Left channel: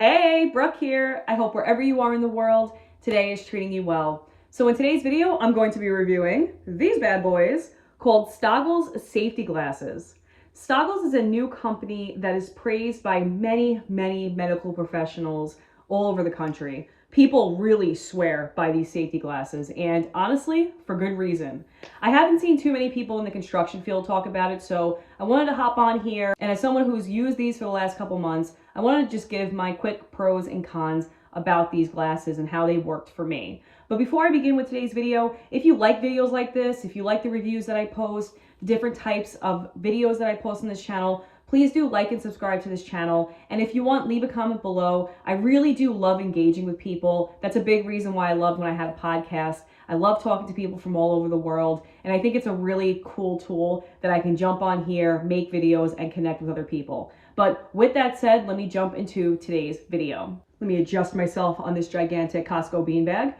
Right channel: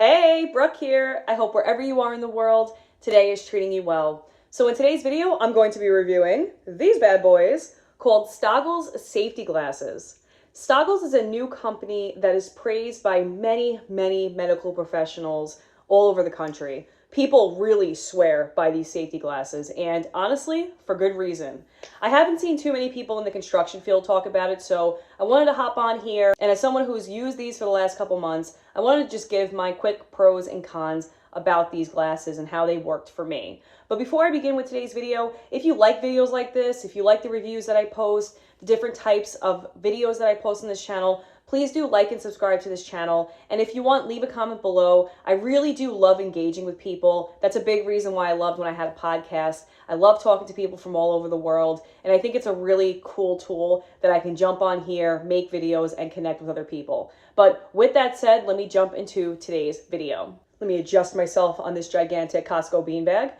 Hey, Brooke here. I hope wherever you are in the world, today is treating you well. So in today's video, I'm going to be reviewing these bad boys called Stoggles safety glasses. Stoggles is a new company that is praised by many medical professionals all over the country. People really swear by these safety glasses, and honestly, for good reason. I haven't seen too many people in the construction field talk about it, so I wanted to hop on here, and as someone who's used these for the last couple months, I wanted to just give my quick pros and cons about these glasses and how they worked for me. But before I begin with today's video, if you like videos like this, if you like the reviews that I post, the different types of videos that I post on this channel, please do like and subscribe to this channel. And if you want, leave a comment below. I really do love engaging with people. That's a big reason why I loved when I had a podcast. I love talking to people from all over the world. And I think it's a really cool tool that I can jump on here, make videos, and connect with other people. But with that said, let me jump into today's video. Let me adjust myself on this gigantic Costco beanbag.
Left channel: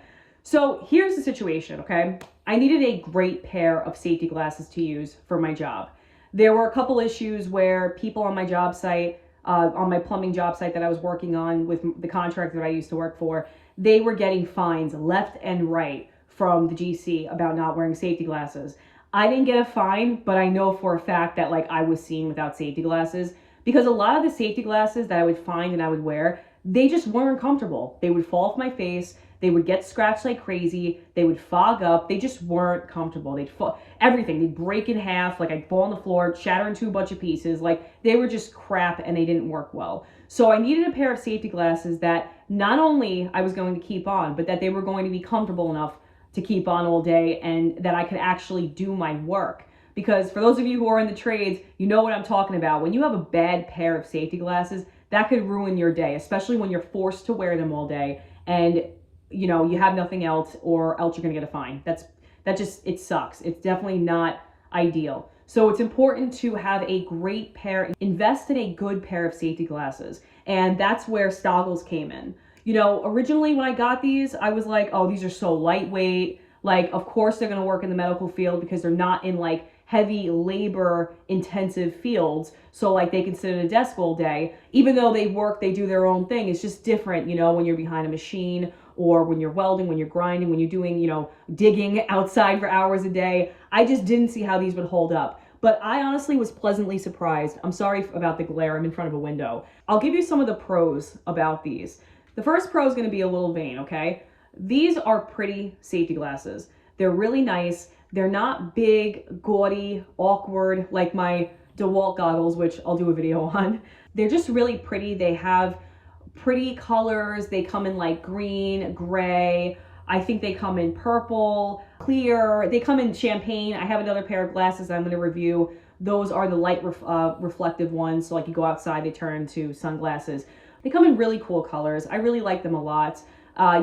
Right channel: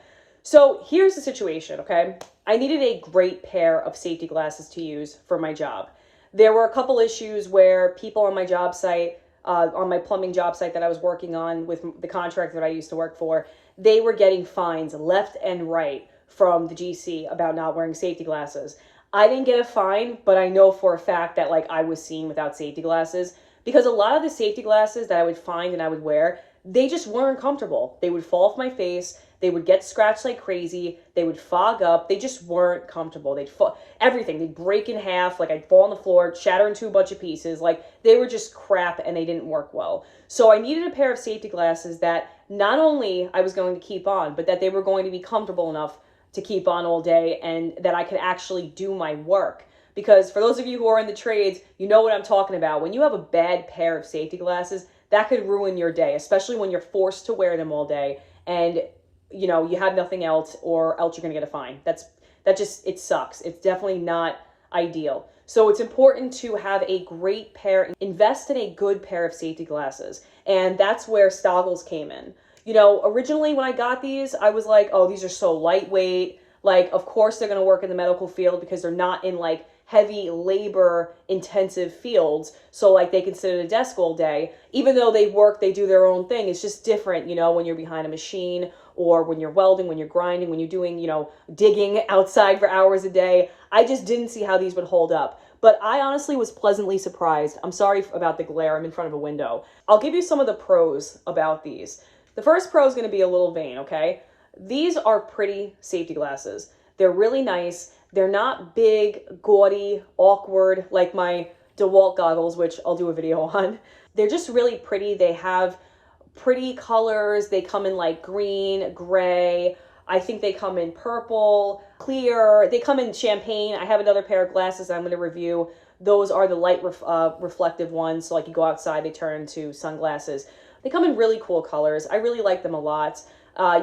So here's the situation, okay? I needed a great pair of safety glasses to use for my job. There were a couple issues where people on my job site, on my plumbing job site that I was working on with the contractor that I used to work for, they were getting fines left and right from the GC about not wearing safety glasses. I didn't get a fine, but I know for a fact that I was seen without safety glasses because a lot of the safety glasses that I would find and I would wear, they just weren't comfortable. They would fall off my face. They would get scratched like crazy. They would fog up. They just weren't comfortable. They'd fall, everything. They'd break in half. I'd fall on the floor, shatter into a bunch of pieces. They were just crap and they didn't work well. So I needed a pair of safety glasses that not only I was going to keep on, but that they were going to be comfortable enough to keep on all day and that I could actually do my work. Because for those of you who are in the trades, you know what I'm talking about. When you have a bad pair of safety glasses, that could ruin your day, especially when you're forced to wear them all day and you have nothing else or else you're going to get a fine. It sucks. It's definitely not ideal. So it's important to have a great pair, invest in a good pair of safety glasses. And that's where Stoggles came in. Originally when I got these, I was like, oh, these are so lightweight. Of course they're going to work in the medical field because they're not in heavy labor intensive fields. So they can sit at a desk all day, even though they do their own thing. It's just different, when you're behind a machine or when you're welding, when you're grinding, when you're doing, digging outside for hours a day. I just didn't see how these would hold up. But I honestly was pleasantly surprised. I'm sorry about the glare. I'm in front of a window. I'll give you some of the pros about these. The first pro is going to be a little vain, okay? These are pretty safety glasses. They're really nice. They're not big, gaudy, awkward like my DeWalt goggles, which I'll do a video on. They're just really pretty. They have pretty colors. They come in green, gray. I think they come in purple, clear. They come in champagne. I have another pair of glasses I'm going to review. Those are the light reflective ones. So you go outside, they turn into sunglasses. They come in really cool colors. I really like them a lot.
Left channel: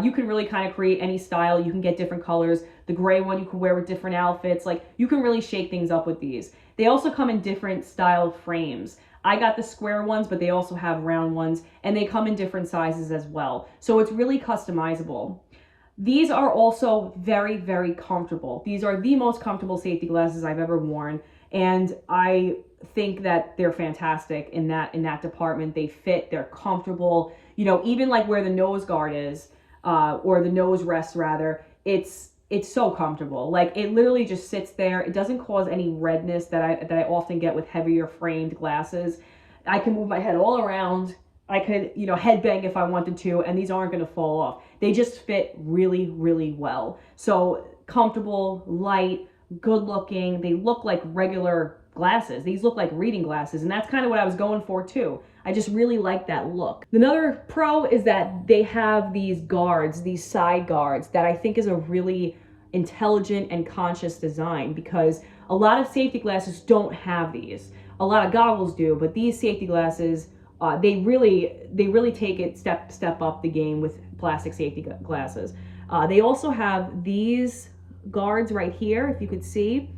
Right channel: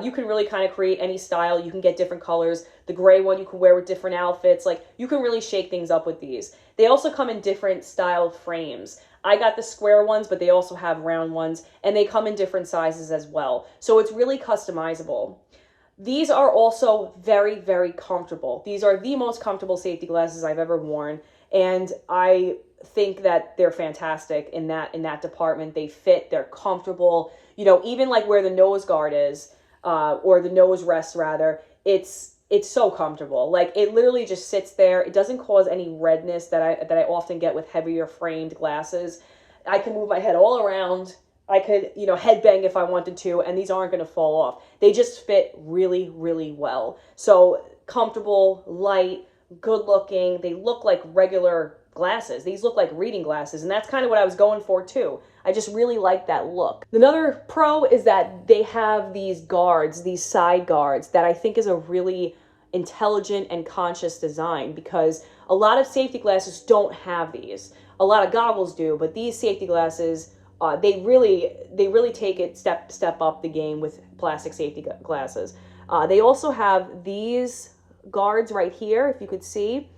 You can really kind of create any style. You can get different colors. The gray one you can wear with different outfits. You can really shake things up with these. They also come in different style frames. I got the square ones, but they also have round ones, and they come in different sizes as well. So it's really customizable. These are also very comfortable. These are the most comfortable safety glasses I've ever worn, and I think that they're fantastic in that department. They fit, they're comfortable. Even where the nose guard is, or the nose rest rather, it's so comfortable. It literally just sits there. It doesn't cause any redness that I often get with heavier framed glasses. I can move my head all around. I could, headbang if I wanted to, and these aren't going to fall off. They just fit really well. So comfortable, light, good looking. They look like regular glasses. These look like reading glasses, and that's kind of what I was going for too. I just really like that look. Another pro is that they have these guards, these side guards, that I think is a really intelligent and conscious design, because a lot of safety glasses don't have these. A lot of goggles do, but these safety glasses, they really take it step up the game with plastic safety glasses. They also have these guards right here, if you could see,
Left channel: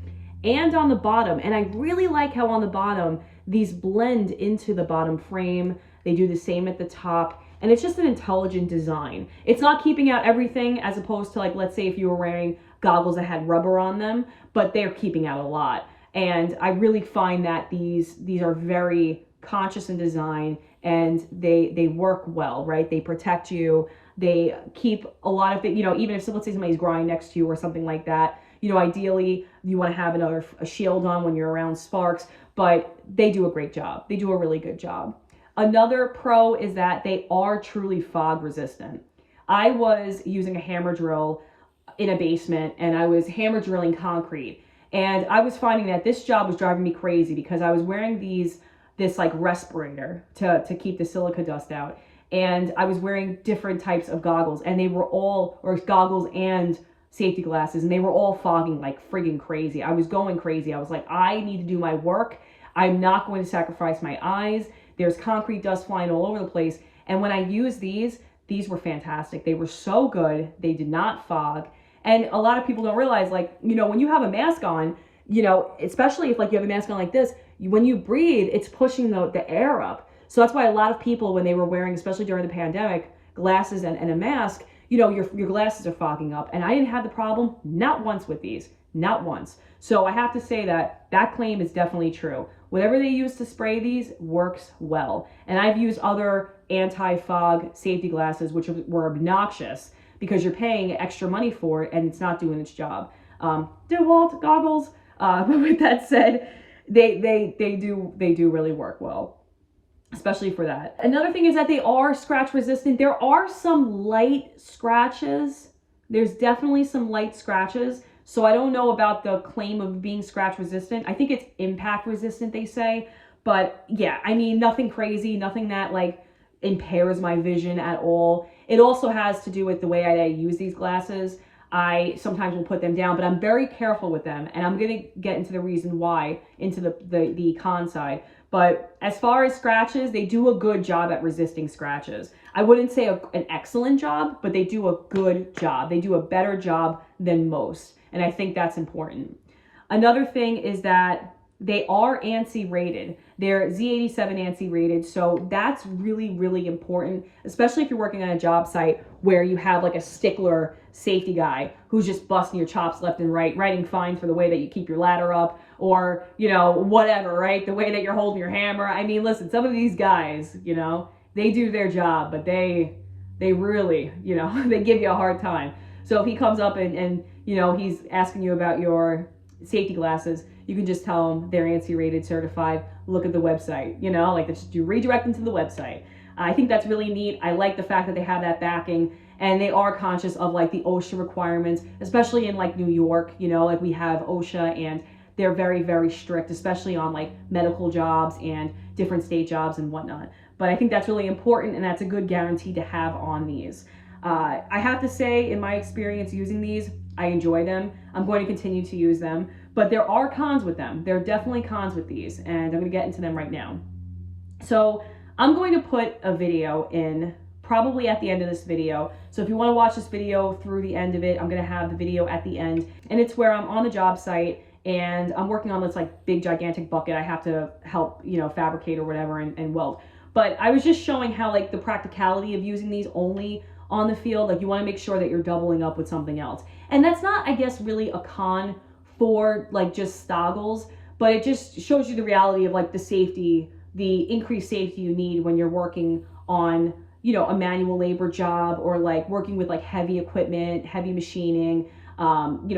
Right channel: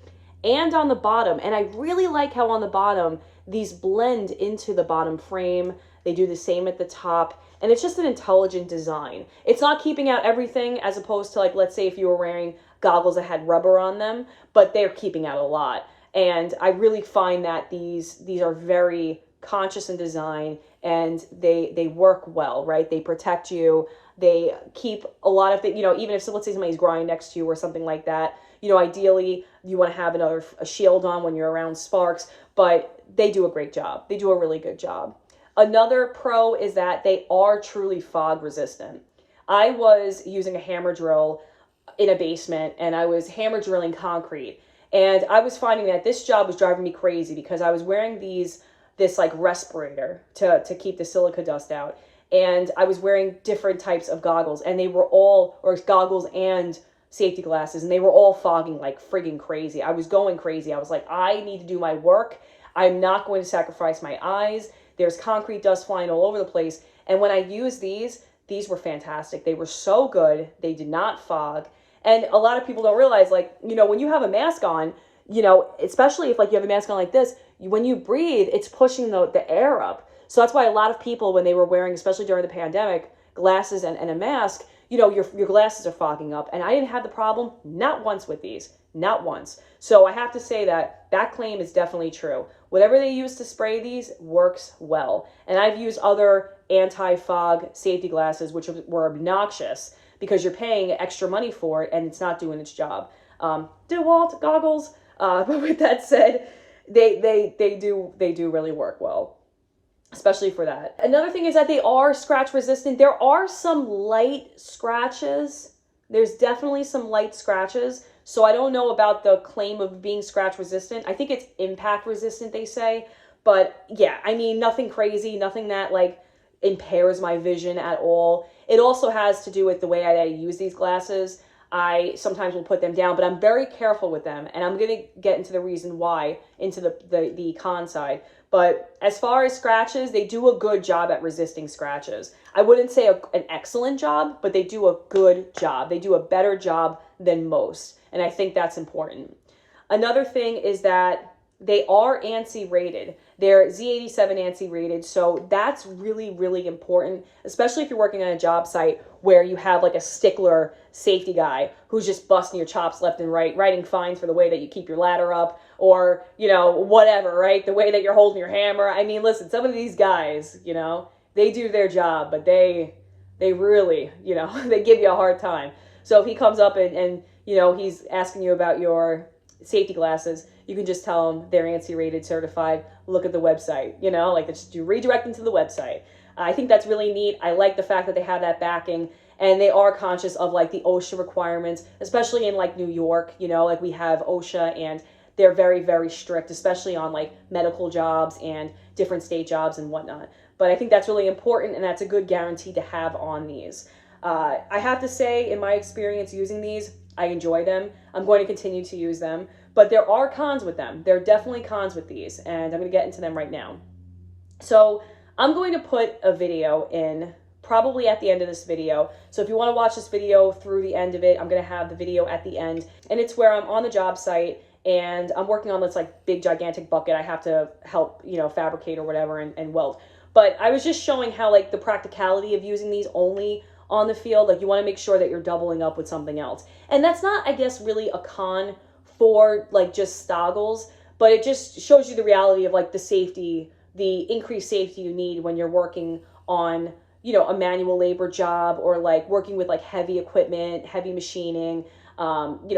and on the bottom. And I really like how on the bottom, these blend into the bottom frame. They do the same at the top. And it's just an intelligent design. It's not keeping out everything, as opposed to let's say if you were wearing goggles that had rubber on them, but they're keeping out a lot. And I really find that these are very conscious in design, and they work well, right? They protect you. They keep a lot of things, even if, so let's say somebody's grinding next to you or something like that, ideally you want to have a shield on when you're around sparks, but they do a great job. They do a really good job. Another pro is that they are truly fog resistant. I was using a hammer drill in a basement, and I was hammer drilling concrete. And I was finding that this job was driving me crazy because I was wearing this like respirator to keep the silica dust out. And I was wearing different types of goggles, and they were all, or goggles and safety glasses, and they were all fogging like friggin' crazy. I was going crazy. I was like, I need to do my work. I'm not going to sacrifice my eyes. There's concrete dust flying all over the place. And when I used these were fantastic. They were so good. They did not fog. And a lot of people don't realize, like, when you have a mask on, especially if like you have a mask on like this, when you breathe, it's pushing the air up. So that's why a lot of people, when they were wearing, especially during the pandemic, glasses and a mask, your glasses are fogging up. And I didn't have the problem, not once with these, not once. So I have to say that claim is definitely true. Whatever they use to spray these works well. And I've used other anti-fog safety glasses, which were obnoxious because you're paying extra money for it and it's not doing its job. DeWalt goggles. But with that said, they do really work well, especially for that. Another thing is that they are scratch resistant. There are some light scratches. There's definitely some light scratches. So I don't know about the claim of being scratch resistant. I think it's impact resistant, they say. But yeah, I mean, nothing crazy, nothing that like impairs my vision at all. It also has to do with the way I use these glasses. I sometimes will put them down, but I'm very careful with them. And I'm going to get into the reason why, into the con side. But as far as scratches, they do a good job at resisting scratches. I wouldn't say an excellent job, but they do a good job. They do a better job than most. And I think that's important. Another thing is that they are ANSI rated. They're Z87 ANSI rated. So that's really, really important, especially if you're working on a job site where you have like a stickler safety guy who's just busting your chops left and right, writing fines for the way that you keep your ladder up or, whatever, right? The way that you're holding your hammer. I mean, listen, some of these guys, they do their job, but they really, they give you a hard time. So if he comes up and he's asking you about your safety glasses, you can just tell them they're ANSI rated, certified, look at the website, you redirect them to the website. I think that's really neat. I like the fact that they have that backing and they are conscious of like the OSHA requirements, especially in like New York, like we have OSHA and they're very, very strict, especially on like medical jobs and different state jobs and whatnot. But I think that's really important and that's a good guarantee to have on these. I have to say, in my experience using these, I enjoy them. I'm going to continue to use them, but there are cons with them. There are definitely cons with these, and I'm going to get into them right now. So I'm going to put a video in probably at the end of this video. So if you want to watch this video through the end of it, I'm going to have the video at the end, and it's where I'm on the job site and I'm working on this like big gigantic bucket. I have to help, fabricate or whatever and weld. But I was just showing how like the practicality of using these only on the field, like you want to make sure that you're doubling up with something else. And that's not, I guess, really a con for like just Stoggles, but it just shows you the reality of like the safety, the increased safety you need when you're working on, a manual labor job or like working with like heavy equipment, heavy machining,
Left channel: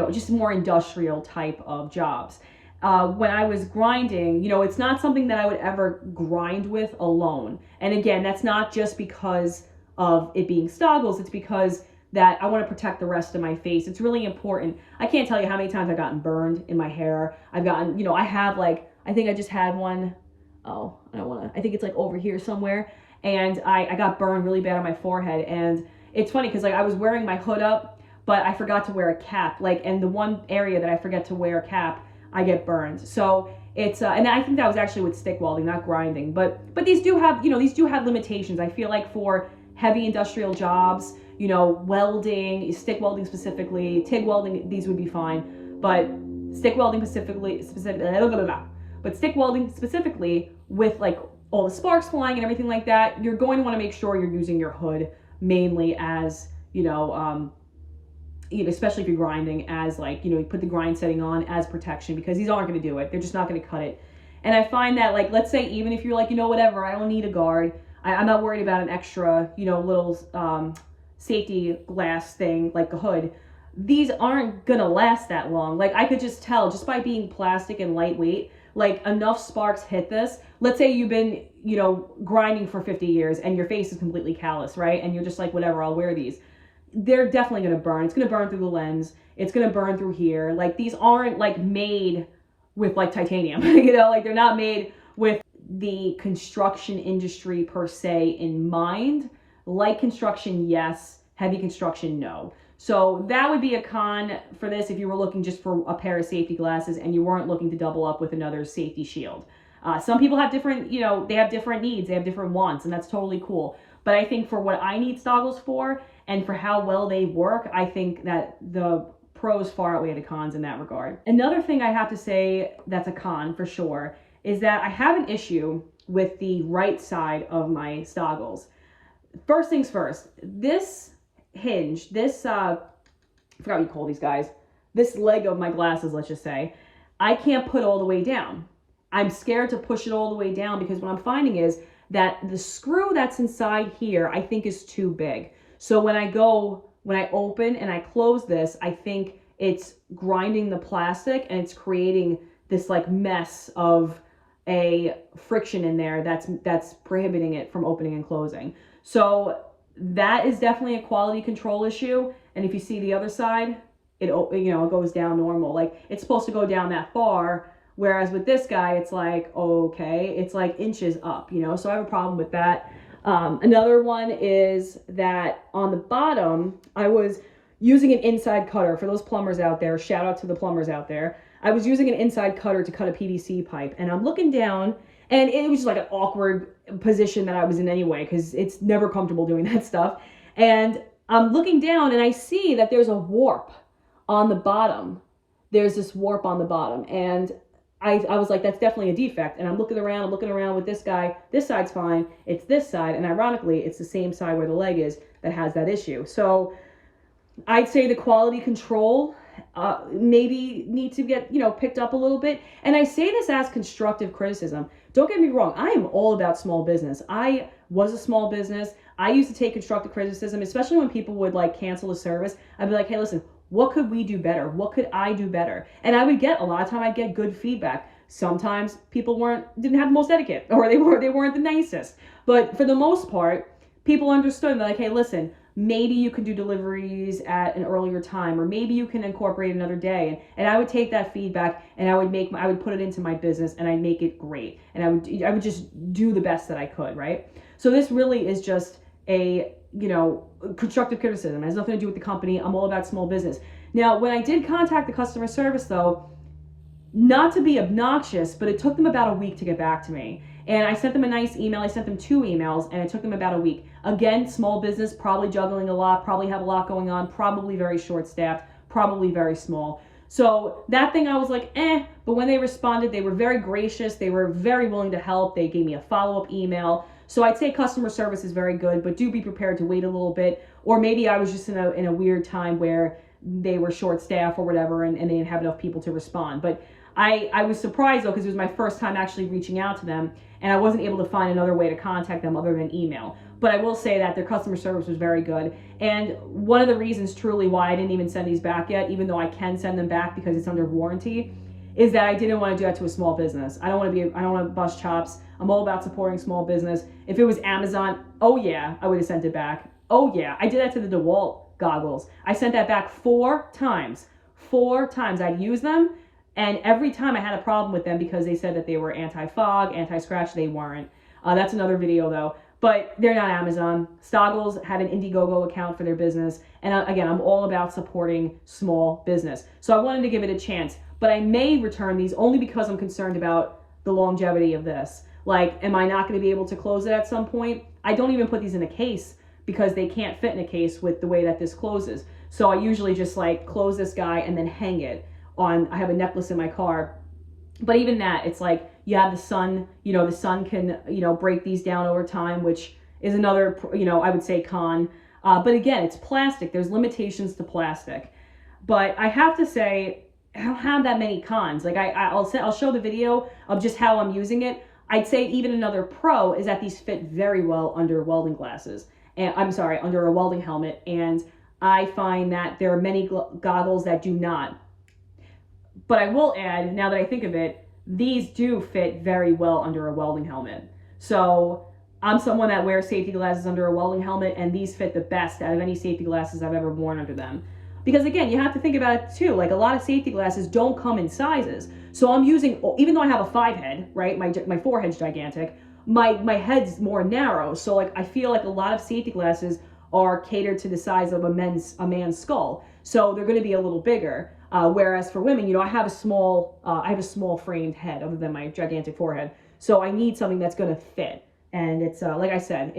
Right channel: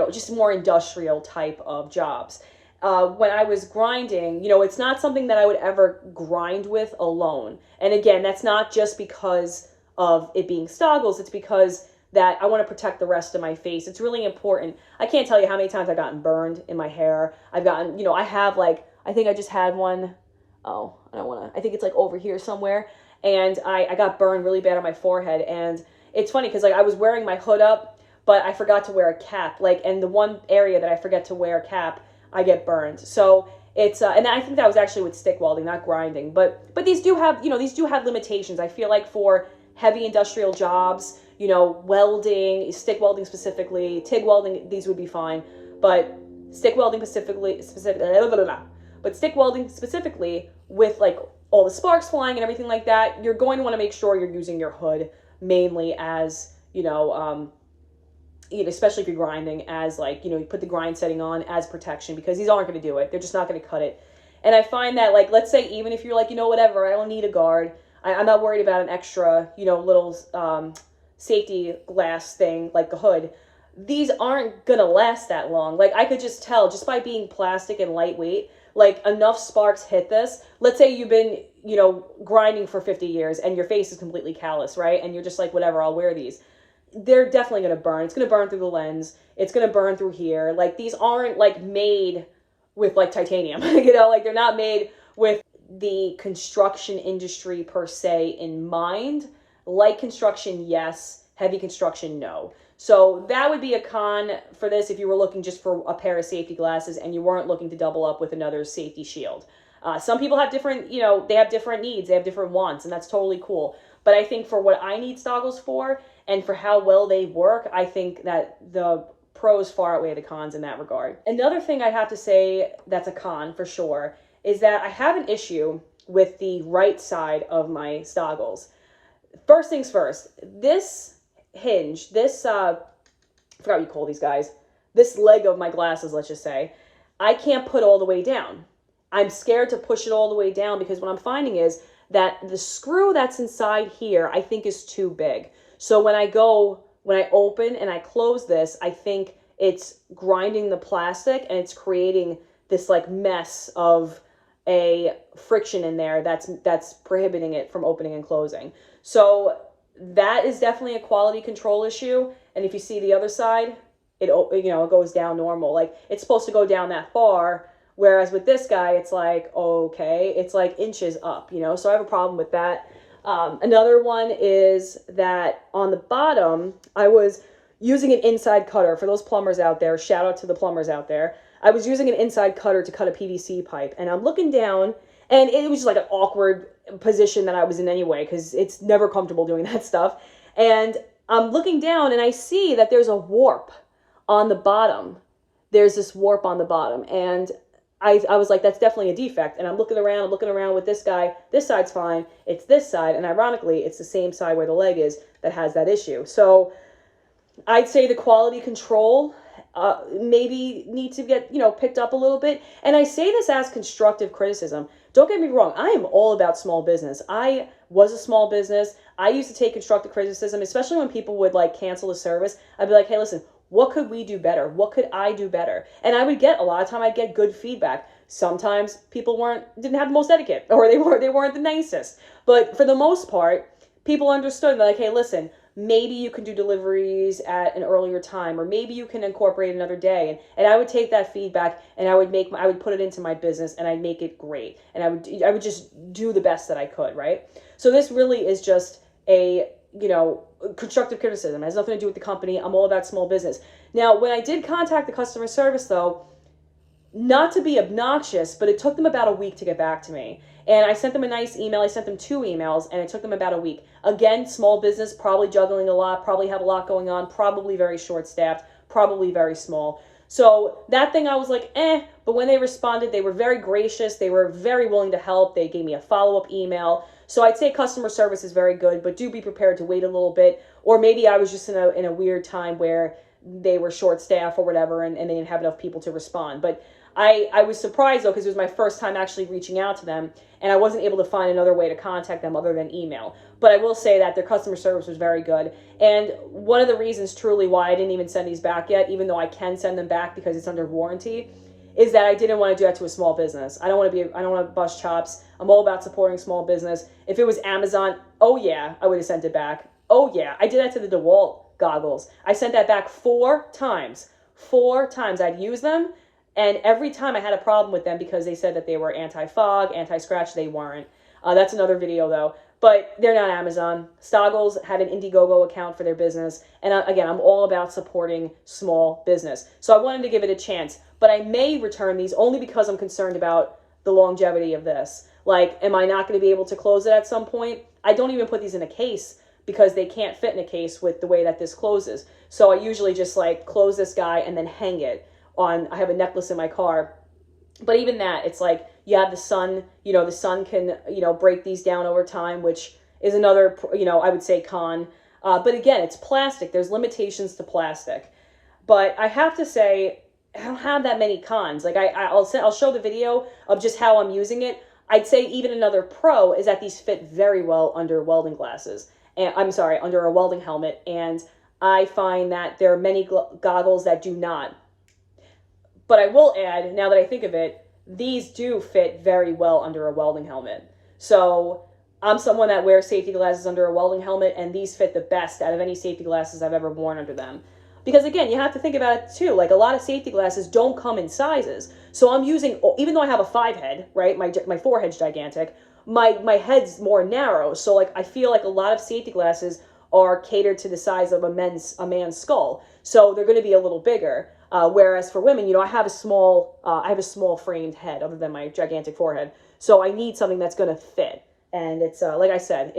just more industrial type of jobs. When I was grinding, it's not something that I would ever grind with alone. And again, that's not just because of it being Stoggles, it's because that I want to protect the rest of my face. It's really important. I can't tell you how many times I've gotten burned in my hair. I've gotten, I have like, I think I just had one, I think it's like over here somewhere. And I got burned really bad on my forehead. And it's funny because like I was wearing my hood up, but I forgot to wear a cap. Like, and the one area that I forget to wear a cap, I get burned. So it's, and I think that was actually with stick welding, not grinding. But these do have, these do have limitations. I feel like for heavy industrial jobs, welding, stick welding specifically, TIG welding, these would be fine. But stick welding specifically with like all the sparks flying and everything like that, you're going to want to make sure you're using your hood mainly as, especially if you're grinding, as like, you put the grind setting on as protection because these aren't going to do it. They're just not going to cut it. And I find that, like, let's say even if you're like, whatever, I don't need a guard. I'm not worried about an extra, little safety glass thing like a hood. These aren't gonna last that long. Like, I could just tell just by being plastic and lightweight, like, enough sparks hit this. Let's say you've been, grinding for 50 years and your face is completely callous, right? And you're just like, whatever, I'll wear these. They're definitely gonna burn. It's gonna burn through the lens. It's gonna burn through here. Like, these aren't like made with like titanium, like they're not made with the construction industry per se in mind. Light construction, yes. Heavy construction, no. So that would be a con for this if you were looking just for a pair of safety glasses and you weren't looking to double up with another safety shield. Some people have different, they have different needs, they have different wants, and that's totally cool. But I think for what I need Stoggles for and for how well they work, I think that the pros far outweigh the cons in that regard. Another thing I have to say that's a con for sure is that I have an issue with the right side of my Stoggles. First things first, this hinge, this, I forgot what you call these guys, this leg of my glasses, let's just say, I can't put all the way down. I'm scared to push it all the way down because what I'm finding is that the screw that's inside here, I think is too big. So when I open and I close this, I think it's grinding the plastic and it's creating this like mess of a friction in there that's prohibiting it from opening and closing. So that is definitely a quality control issue. And if you see the other side, it goes down normal. Like, it's supposed to go down that far. Whereas with this guy, it's like, okay, it's like inches up, so I have a problem with that. Another one is that on the bottom, I was using an inside cutter. For those plumbers out there, shout out to the plumbers out there. I was using an inside cutter to cut a PVC pipe, and I'm looking down, and it was just like an awkward position that I was in anyway, because it's never comfortable doing that stuff. And I'm looking down, and I see that there's a warp on the bottom. There's this warp on the bottom, and I was like, that's definitely a defect. And I'm looking around with this guy. This side's fine. It's this side. And ironically, it's the same side where the leg is that has that issue. So I'd say the quality control maybe need to get, picked up a little bit. And I say this as constructive criticism. Don't get me wrong. I am all about small business. I was a small business. I used to take constructive criticism, especially when people would like cancel a service. I'd be like, hey, listen, what could we do better? What could I do better? And I would get, a lot of time I'd get good feedback. Sometimes people didn't have the most etiquette, or they weren't the nicest. But for the most part, people understood. They're like, hey, listen, maybe you can do deliveries at an earlier time, or maybe you can incorporate another day. And I would take that feedback and I would put it into my business and I'd make it great. And I would just do the best that I could, right? So this really is just a, constructive criticism. It has nothing to do with the company. I'm all about small business. Now, when I did contact the customer service though, not to be obnoxious, but it took them about a week to get back to me. And I sent them a nice email. I sent them 2 emails and it took them about a week. Again, small business, probably juggling a lot, probably have a lot going on, probably very short staffed, probably very small. So that thing I was like, but when they responded, they were very gracious. They were very willing to help. They gave me a follow-up email. So I'd say customer service is very good, but do be prepared to wait a little bit. Or maybe I was just in a weird time where they were short staffed or whatever, and they didn't have enough people to respond. But I was surprised though, because it was my first time actually reaching out to them, and I wasn't able to find another way to contact them other than email. But I will say that their customer service was very good. And one of the reasons truly why I didn't even send these back yet, even though I can send them back because it's under warranty, is that I didn't want to do that to a small business. I don't want to bust chops. I'm all about supporting small business. If it was Amazon, oh yeah, I would have sent it back. Oh yeah, I did that to the DeWalt goggles. I sent that back 4 times. 4 times. I'd use them, and every time I had a problem with them because they said that they were anti-fog, anti-scratch. They weren't. That's another video though. But they're not Amazon. Stoggles had an Indiegogo account for their business. And again, I'm all about supporting small business. So I wanted to give it a chance. But I may return these only because I'm concerned about the longevity of this. Like, am I not going to be able to close it at some point? I don't even put these in a case because they can't fit in a case with the way that this closes. So I usually just like close this guy and then hang it on. I have a necklace in my car. But even that, it's like you have the sun, the sun can, break these down over time, which is another, I would say con. But again, it's plastic. There's limitations to plastic. But I have to say, I don't have that many cons. Like I'll show the video of just how I'm using it. I'd say even another pro is that these fit very well under welding glasses. And I'm sorry, under a welding helmet. And I find that there are many goggles that do not. But I will add, now that I think of it, these do fit very well under a welding helmet. So I'm someone that wears safety glasses under a welding helmet, and these fit the best out of any safety glasses I've ever worn under them. Because again, you have to think about it too. Like a lot of safety glasses don't come in sizes. So I'm using, even though I have a 5 head, right? My forehead's gigantic. My head's more narrow. So like I feel like a lot of safety glasses are catered to the size of a man's skull. So they're going to be a little bigger. Whereas for women, you know, I have a small framed head other than my gigantic forehead. So I need something that's going to fit. And it's, like I said,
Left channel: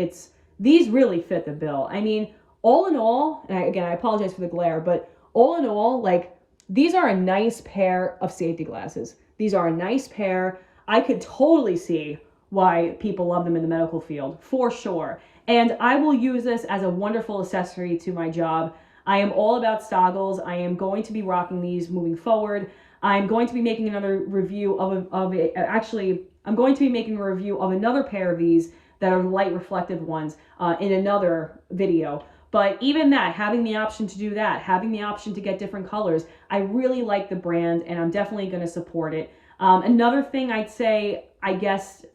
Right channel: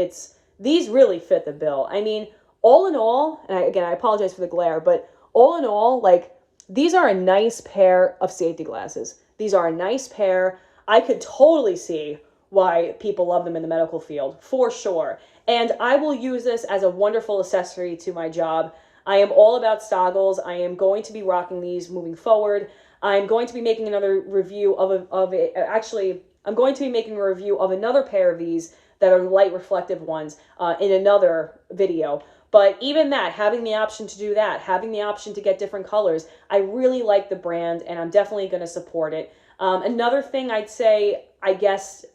these really fit the bill. I mean, all in all, and again, I apologize for the glare, but all in all, like, these are a nice pair of safety glasses. These are a nice pair. I could totally see why people love them in the medical field, for sure. And I will use this as a wonderful accessory to my job. I am all about Stoggles. I am going to be rocking these moving forward. I'm going to be making another review of it. Actually, I'm going to be making a review of another pair of these that are light reflective ones in another video. But even that, having the option to do that, having the option to get different colors, I really like the brand and I'm definitely going to support it. Another thing I'd say, I guess,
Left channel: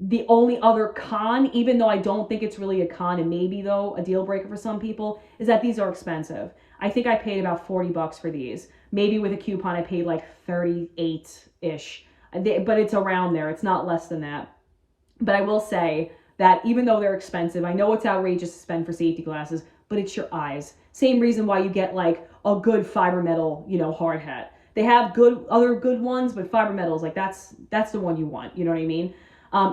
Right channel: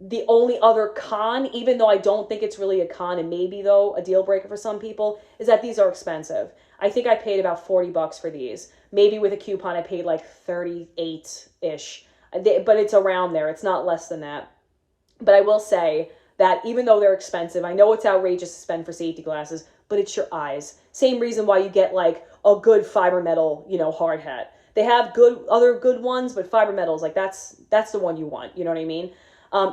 the only other con, even though I don't think it's really a con and maybe though a deal breaker for some people, is that these are expensive. I think I paid about $40 for these. Maybe with a coupon I paid like 38-ish. But it's around there. It's not less than that. But I will say that even though they're expensive, I know it's outrageous to spend for safety glasses, but it's your eyes. Same reason why you get like a good fiber metal, you know, hard hat. They have other good ones, but fiber metal is like, that's the one you want. You know what I mean?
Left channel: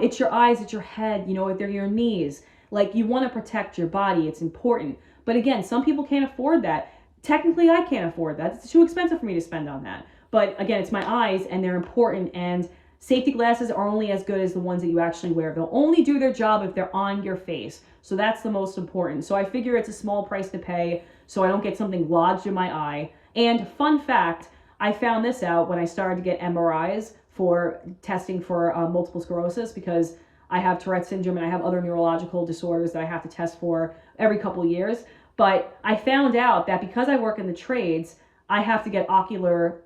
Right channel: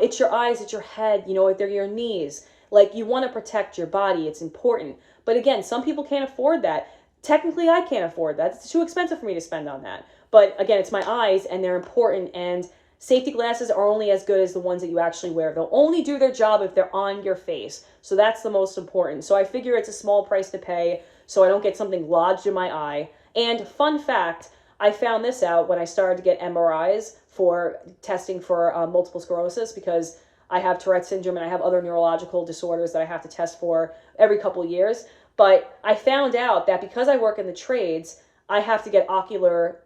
It's your eyes, it's your head, you know, they're your knees. Like, you want to protect your body. It's important. But again, some people can't afford that. Technically, I can't afford that. It's too expensive for me to spend on that. But again, it's my eyes and they're important, and safety glasses are only as good as the ones that you actually wear. They'll only do their job if they're on your face. So that's the most important. So I figure it's a small price to pay so I don't get something lodged in my eye. And fun fact, I found this out when I started to get MRIs for testing for multiple sclerosis, because I have Tourette syndrome and I have other neurological disorders that I have to test for every couple of years. But I found out that because I work in the trades, I have to get ocular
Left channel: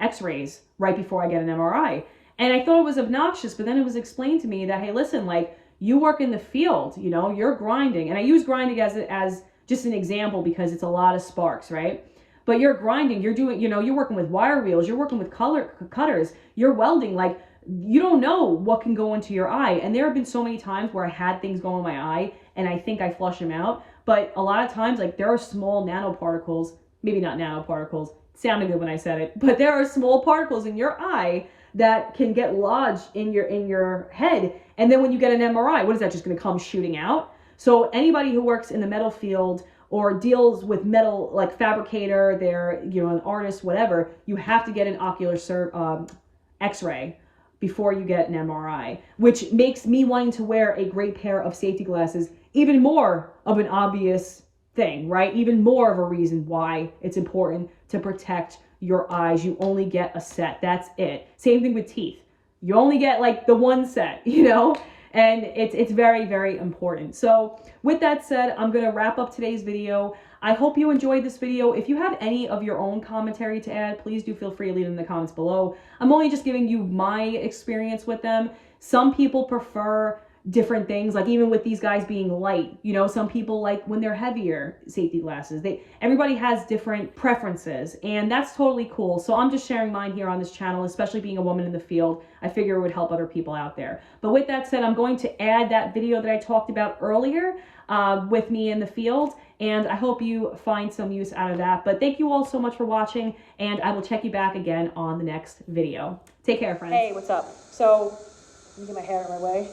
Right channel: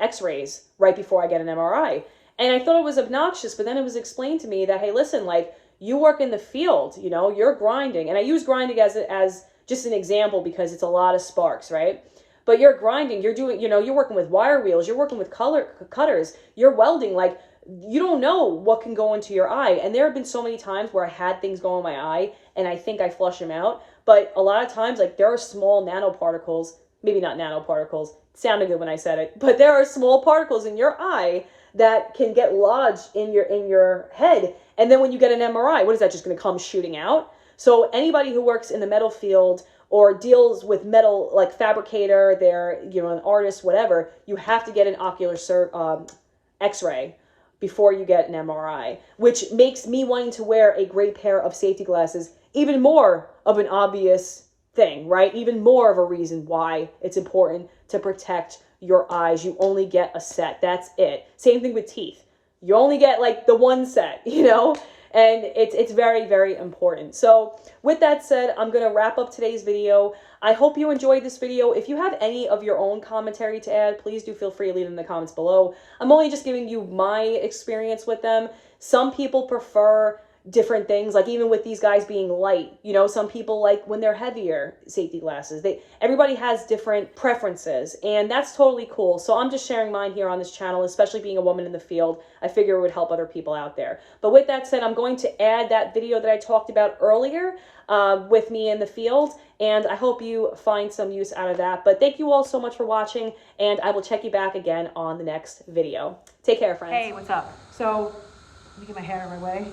x-rays right before I get an MRI. And I thought it was obnoxious, but then it was explained to me that, hey, listen, like, you work in the field, you know, you're grinding. And I use grinding as just an example because it's a lot of sparks, right? But you're grinding, you're doing, you know, you're working with wire wheels, you're working with cutters, you're welding. Like, you don't know what can go into your eye. And there have been so many times where I had things go in my eye and I think I flush them out. But a lot of times, like, there are small nanoparticles, maybe not nanoparticles, it sounded good when I said it, but there are small particles in your eye that can get lodged in your head. And then when you get an MRI, what is that, just going to come shooting out? So anybody who works in the metal field or deals with metal, like fabricator, they're, you know, an artist, whatever, you have to get an ocular x-ray before you get an MRI, which makes me wanting to wear a great pair of safety glasses even more of an obvious thing, right? Even more of a reason why it's important to protect your eyes. You only get a set. That's it. Same thing with teeth. You only get like the one set, you know? And it's very, very important. So with that said, I'm going to wrap up today's video. I hope you enjoyed this video. If you have any of your own commentary to add, please do feel free to leave it in the comments below. I'm only just giving you my experience with them. Some people prefer different things, like even with these guys being light, you know, some people like when they're heavier safety glasses. Everybody has different preferences, and that's totally cool. So I'm just sharing mine here on this channel, especially being a woman in the field. I figure it would help other people out there. But with that said, I'm going to add that video that I talked about earlier with me in the field, and I hope you find some use out of that. But thank you all so much for watching, and I will check you back again on the next video. Take care, friends. Hey, what's up? So, let me get my hair out of my way.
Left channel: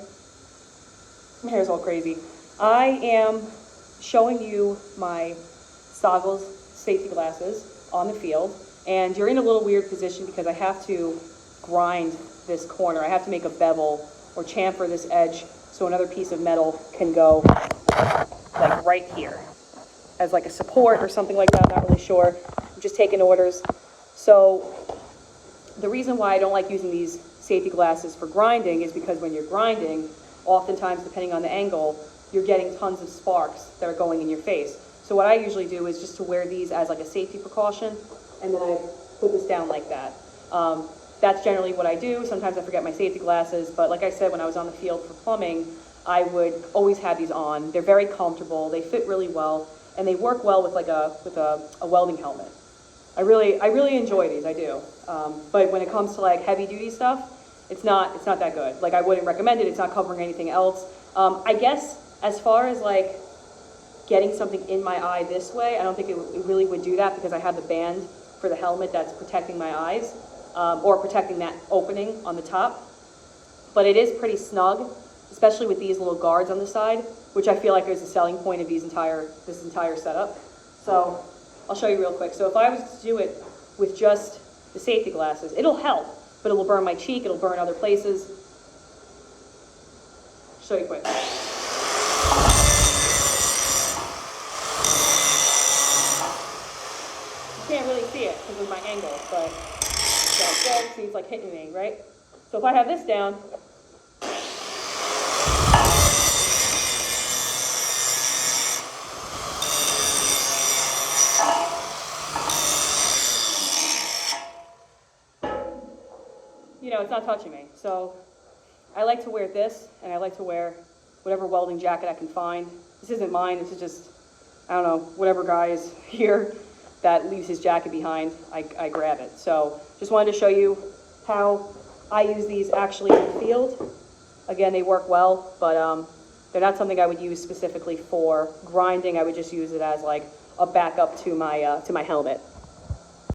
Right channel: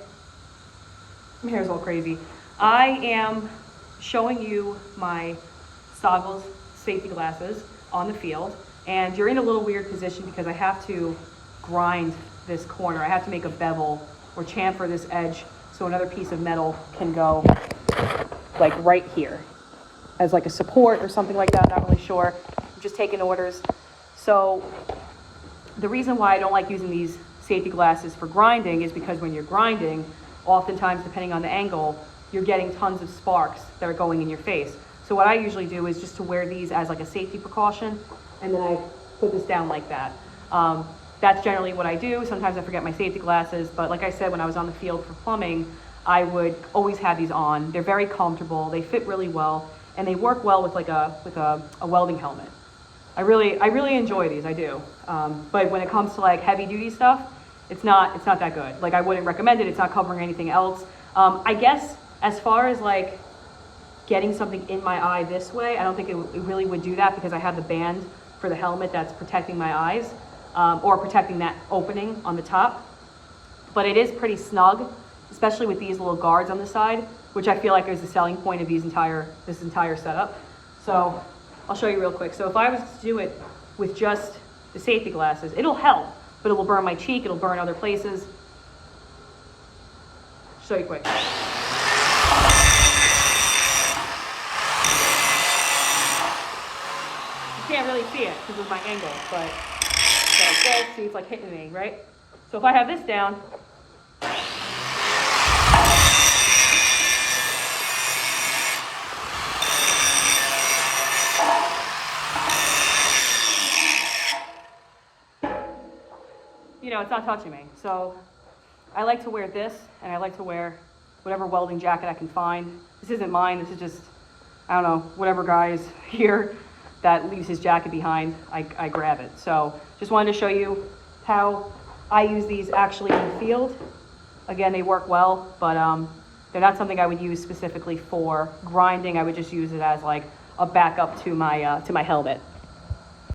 My hair's all crazy. I am showing you my Stoggles safety glasses on the field, and you're in a little weird position because I have to grind this corner. I have to make a bevel or chamfer this edge so another piece of metal can go like right here as like a support or something like that. I'm not really sure. I'm just taking orders. So the reason why I don't like using these safety glasses for grinding is because when you're grinding, oftentimes depending on the angle, you're getting tons of sparks that are going in your face. So what I usually do is just to wear these as like a safety precaution, and then I put this down like that. That's generally what I do. Sometimes I forget my safety glasses, but like I said, when I was on the field for plumbing, I would always have these on. They're very comfortable, they fit really well, and they work well with like a welding helmet. I really enjoy these, I do. But when it comes to like heavy duty stuff, it's not that good. Like I wouldn't recommend it. It's not covering anything else. I guess as far as like getting something in my eye this way, I don't think it really would do that because I have the band for the helmet that's protecting my eyes, or protecting that opening on the top. But it is pretty snug, especially with these little guards on the side, which I feel like is the selling point of this entire setup. So I'll show you real quick. So if I was to do it with just the safety glasses, it'll help, but it will burn my cheek, it'll burn other places. Show you quick. You can't really see it because of my angle, but see, it's like hitting me, right? So if I have this down, you know, it's not touching me. So I like to wear this, and I like to wear whatever welding jacket I can find. This isn't mine, this is just, I don't know, whatever guy is here that leaves his jacket behind, I grab it. So just wanted to show you how I use these actually in the field. Again, they work well, but they're not something I would use specifically for grinding. I would just use it as like a backup to my helmet.